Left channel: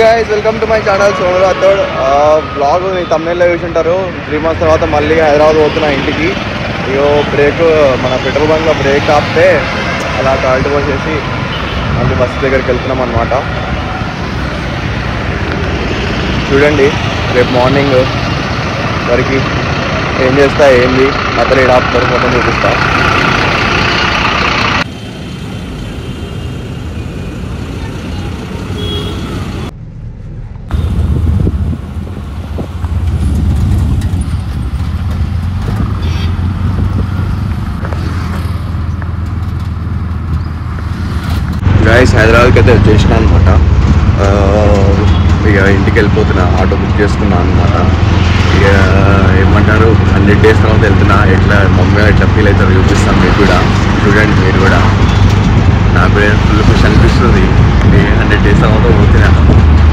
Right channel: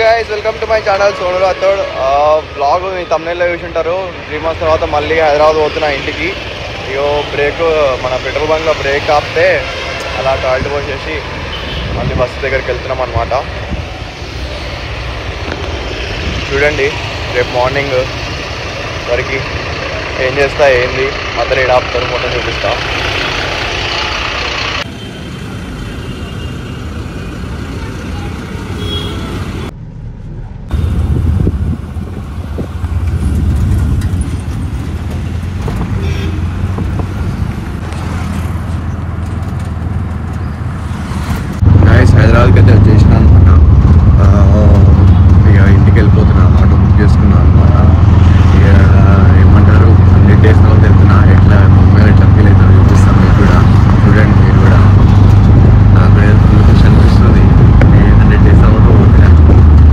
guys, welcome to my channel Sonu Rathod. Vlog me thumbnail లో చూసి ఉంటారు. 3 months తర్వాత మళ్ళీ హైదరాబాద్ పోతున్నా ఇంటికి. ఇగో బ్రేక్ మన పెట్రోల్ బంక్ లో బ్రేక్ ఆపితే అలా టాల్ట్ పోసేసి మళ్ళీ బస్సు దగ్గరికి వెళ్తున్నాం అన్నమాట. చూడండి రేపు మార్నింగ్ వరకు ఏం చేస్తా ఏంది మధ్యలో ఏడ ఆపుతారు మొత్తం చూపిస్తా. హైదరాబాద్కి అయితే వచ్చేసిన అనమాట. ఇక ఇంటికి వెళ్ళిపోతున్నా, ఆటో బుక్ చేసుకున్నా అనమాట. ఇక ఏమంటారు 100 days తర్వాత వెళ్తున్నా. ఎట్లా మమ్మీ ఎట్లా ఫీల్ అవుతారో చూపిస్తాను మీకు కూడా. చూడండి మీరు కూడా. నాకు కూడా ఫుల్ ఖుషి అనిపిస్తుంది. 100 days తర్వాత పోతున్నా.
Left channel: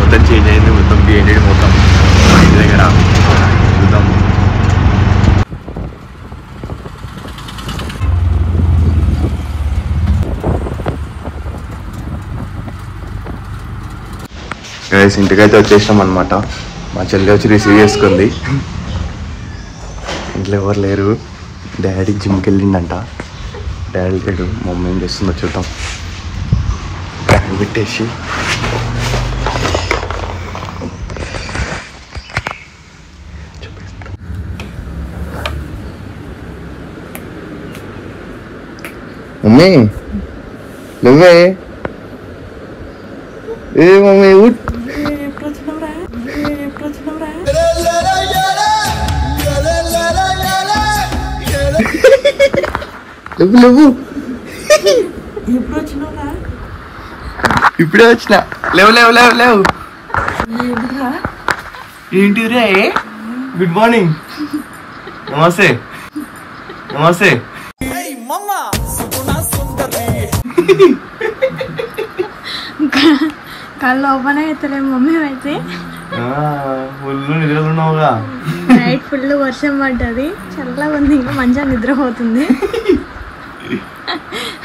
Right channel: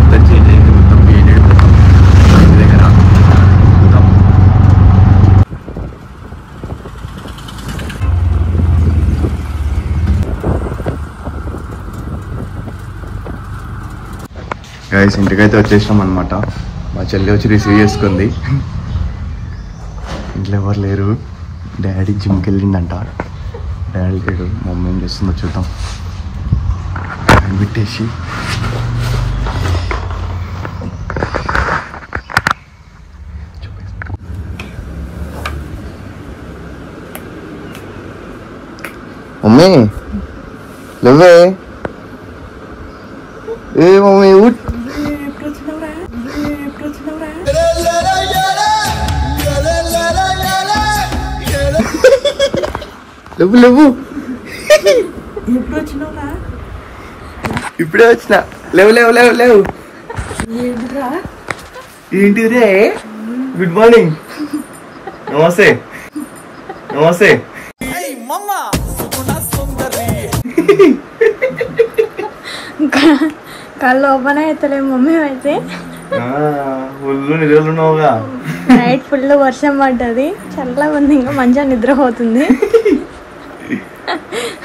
మొత్తం చేంజ్ అయింది, మొత్తం బిఎన్డి మొత్తం మా ఇంటి దగ్గర చూద్దాం. గైస్ ఇంటికైతే వచ్చేసాం అనమాట. మా చెల్లి వచ్చి రిసీవ్ చేసుకుంది. ఇంట్లో ఎవరు లేరు. డాడీ జిమ్కి వెళ్ళిండంట. డాడీ లేడు. మమ్మీ ఏం చేస్తుందో చూద్దాం. బ్యాగ్ పెట్టేసి మమ్మీ నువ్వే ఏ మమ్మీ ఉట్ లేవు లేవు ఇప్పుడే వచ్చిన. లేవు లేవు లేవు లేవు ఏంటి రే. Good morning. నమస్తే నమస్తే. కళ్ళు ఓపెన్ అవుతలే మమ్మీ అయితే. ఫుల్ నిద్రలున్నావుగా. నైట్ ఫుల్ వర్షం పడ్డది, చల్లగా ఉంది, ఇంకా మంచిగా నిద్రపోతుంది.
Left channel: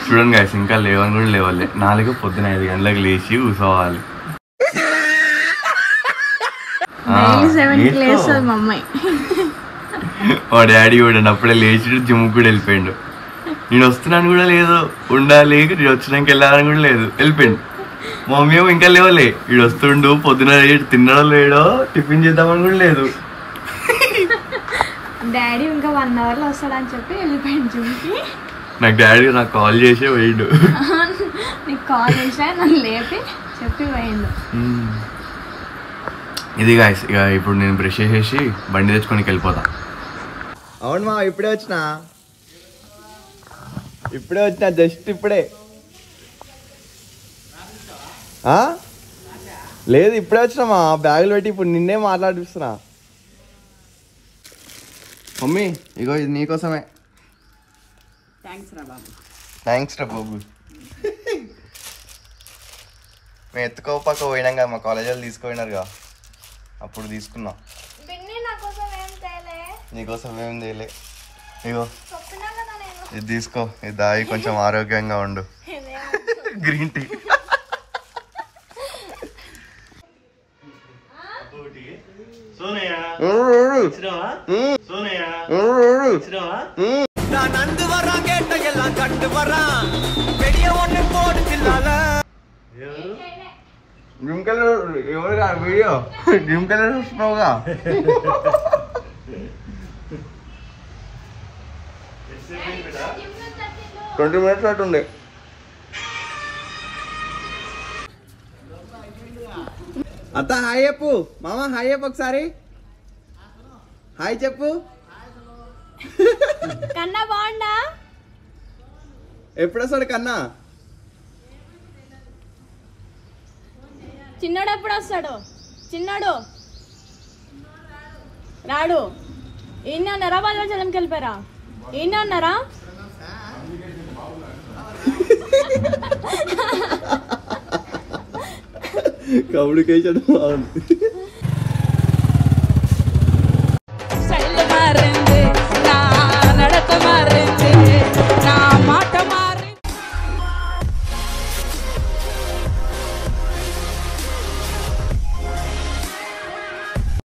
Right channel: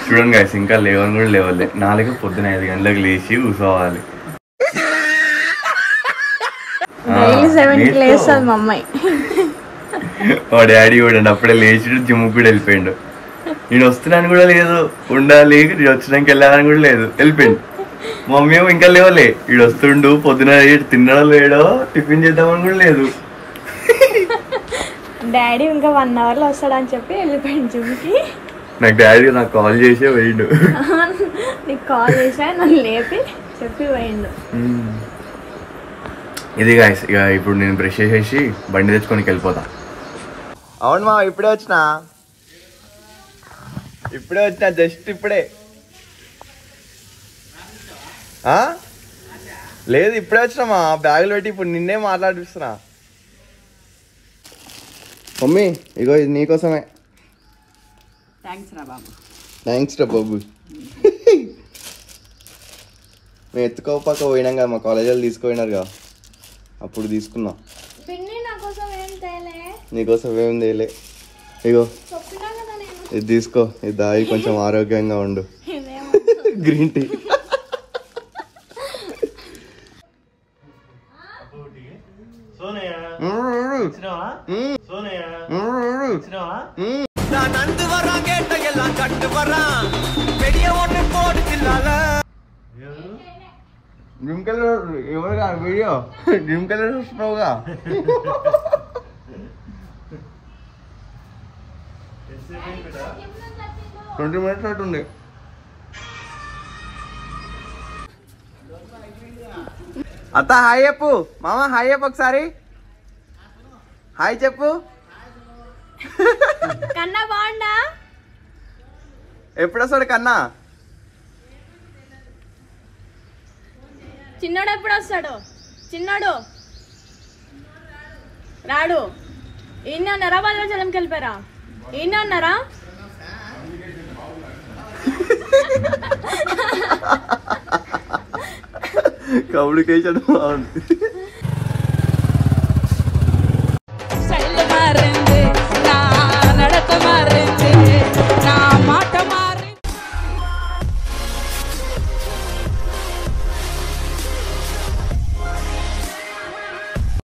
చూడండి గైస్ ఇంకా లేవని కూడా లేవాలి. 4 పొద్దున 5 గంటలకు లేచి కూర్చోవాలి. డైలీ 7కి లేస్తుంది మా అమ్మాయి. మా డాడీ కూడా అప్పుడే లేచి జిమ్ కూడా వెళ్ళిపోయిండు. నేను వస్తున్నాను కూడా లేదు, ఉండాలి నేను వచ్చినాక వెళ్ళాలని కూడా లేదు, వెళ్ళిపోయిండు. మమ్మీ ఏమో ఇంకా లేవలే. వీడు వస్తుండు, పొద్దున తిన్నడో లేడో, టిఫిన్ చేద్దామని కూడా లేదు. డాడీ ఇంకా 1 hourలో వస్తాడని చెప్పి వెళ్ళిపోయిండు జిమ్కి. నాకు డాడీ నాకు కాల్ చేసే పోయిండు. నీకు కాల్ చేసా, నన్ను లేపి చెప్పి పోయిండు. ఇది గాయస్ ఇక ఇప్పుడు నేను బ్రష్ చేసేసి బండి తెచ్చుకొని వెళ్ళిపోతా. అవును మా ఇప్పుడే వచ్చిన జస్ట్ ఇప్పుడే. లేదు ఇప్పుడే వచ్చినామా, బ్యాగులు పెట్టి ఇప్పుడు నిన్నే మాట్లాడిస్తున్నా. మమ్మీ ఇగో ఇది నీకోసమే. థ్యాంక్స్ రా బాబు. మేము ఎత్తుకోపాక పోయినాం కదా, మా కాలేజీలో తీసుకుపోయినారుగా, అప్పుడు తీసుకున్నాం. నీకోసం ఏం చేయలే. ఇగో ఇది తీసుకో, ఇది దాగి కొంచెం ఆరోగ్యంగా ఉండు. Green tea. Video dream colour చూస్తున్నావుగా. 20 minutes అట్టుండే. అత్త హాయ్ చెప్పు. మామ హాయ్ చెప్పు ఒకసారి. హాయ్ చెప్పు. కన్నా బాగుండా. ఎప్పుడు వస్తాడు కన్నా? చిన్నోడు ఎప్పుడు వస్తాడు? చిన్నోడు రాడు. ఈయన ఉన్నారా? భద్రాచలంకి వెళ్ళిపోయారా? ఈయన ఉన్నారా? కమ్యూనికేషన్ బాగుంది.